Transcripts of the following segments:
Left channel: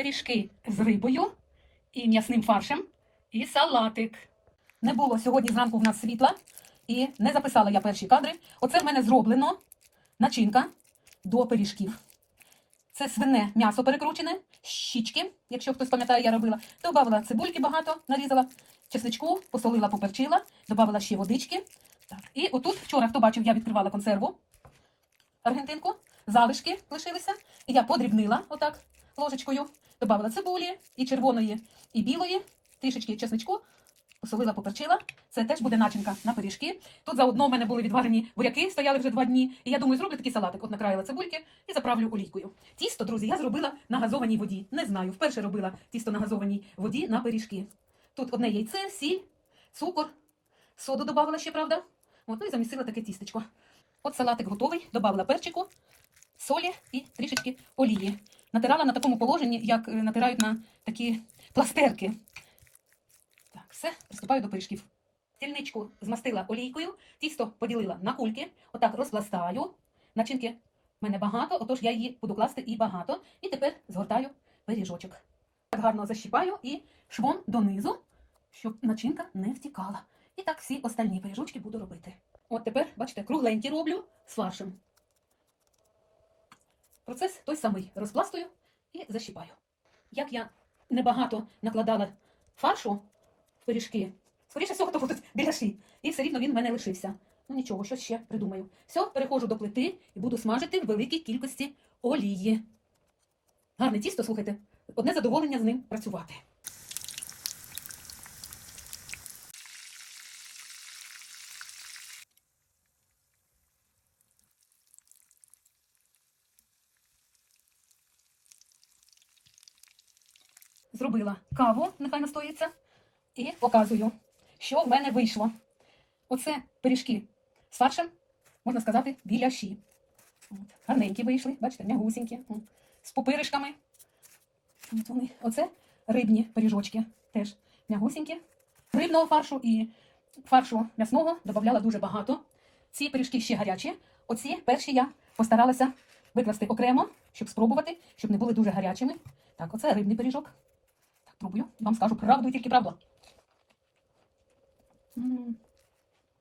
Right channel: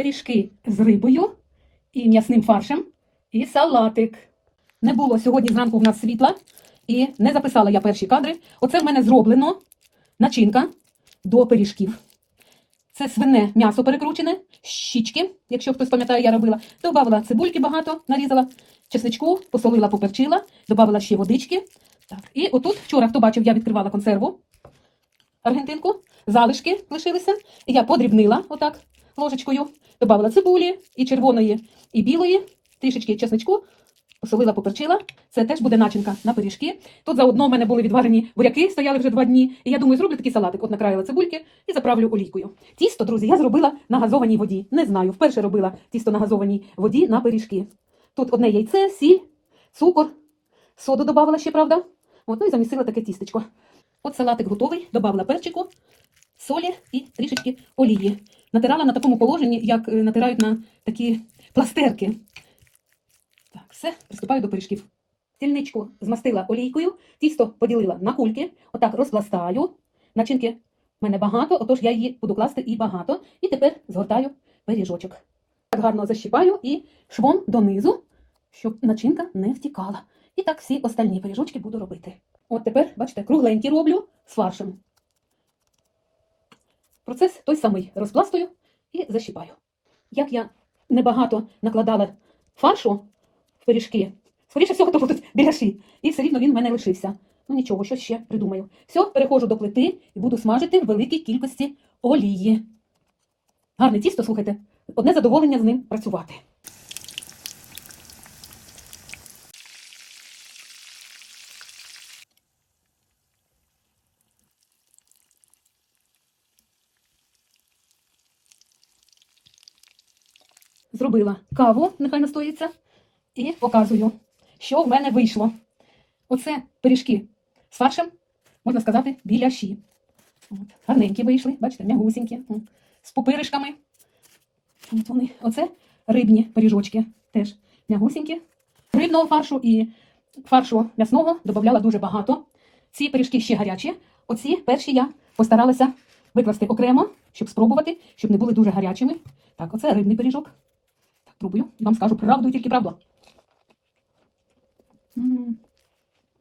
пиріжки з рибою і м'ясним фаршем, і салатик. Не було сьогодні зранку в нас світла, і не записала я перші кадри. Оце в мене зроблено начинка до пиріжків. Це свине м'ясо перекручене, щічки, якщо хтось пам'ятає, я робила. Добавила цибульки багато, нарізала, чесничку, посолила, поперчила, додавала ще водички. Так. І отут вчора, хто бачив, я відкривала консерву аргентинку, залишки лишилися. І я подрібнила отак ложечкою, додавала цибулі і червоної, і білої, трішечки чесничку, посолила, поперчила. Це теж буде начинка на пиріжки. Тут заодно в мене були відварені буряки, стояли вже два дні. І я думаю, зроблю такий салатик. От накраїла цибульки і заправлю олійкою. Тісто, друзі, я зробила на газованій воді. Не знаю, вперше робила тісто на газованій воді на пиріжки. Тут одне яйце, сіль, цукор, соду додавала ще, правда? От, ну і замісила таке тістечко. От салатик готовий, додавала перчику, солі і трішечки олії. Натирала на такому положенні, як е, натирають на такі пластерки. Так, все, приступаю до пиріжків. Тільничку змастила олійкою, тісто поділила на кульки, отак розпластаю. Начинки в мене багато, отож я її буду класти і багато. І тепер згортаю пиріжочок. Так гарно защіпаю і швом донизу, щоб начинка не втікала. І так всі остальні пиріжочки буду робити. От тепер, бачите, кругленькі роблю з фаршем. Процес той самий. Розпластую і защіпаю. Як я небагато накладала фаршу в пиріжки, скоріше всього, то будуть біляші. І все рівно він в мене лишився. Ну нічого, щось ще придумаю. Все, переходжу до плити і буду смажити в великій кількості олії. Гарне тісто, слухайте, одне задоволення з ним працювати. Зробила каву, нехай настоїться, і показую, що в мене вийшло. Оце пиріжки з фаршем, можна сказати, біляші. От, гарненькі вийшли, бачите, м'ягусінькі, з пупиришками. От вони. Оце рибні пиріжочки, теж м'ягусінькі. Рибного фаршу і фаршу м'ясного додавала дуже багато. Ці пиріжки ще гарячі. Оці перші я постаралася викласти окремо, щоб спробувати, щоб не були дуже гарячими. Так, оце рибний пиріжок. Пробую. Вам скажу правду і тільки правду.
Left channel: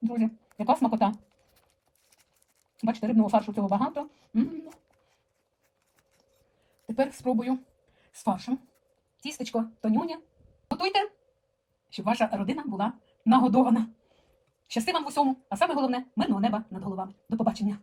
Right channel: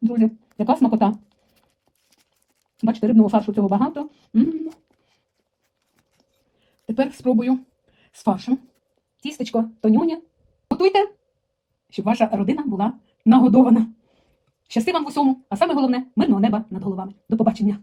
Друзі, яка смакота. Бачите, рибного фаршу цього багато. Тепер спробую з фаршем. Тістечко тонюня. Готуйте, щоб ваша родина була нагодована. Щасти вам в усьому, а саме головне мирного неба над головами. До побачення.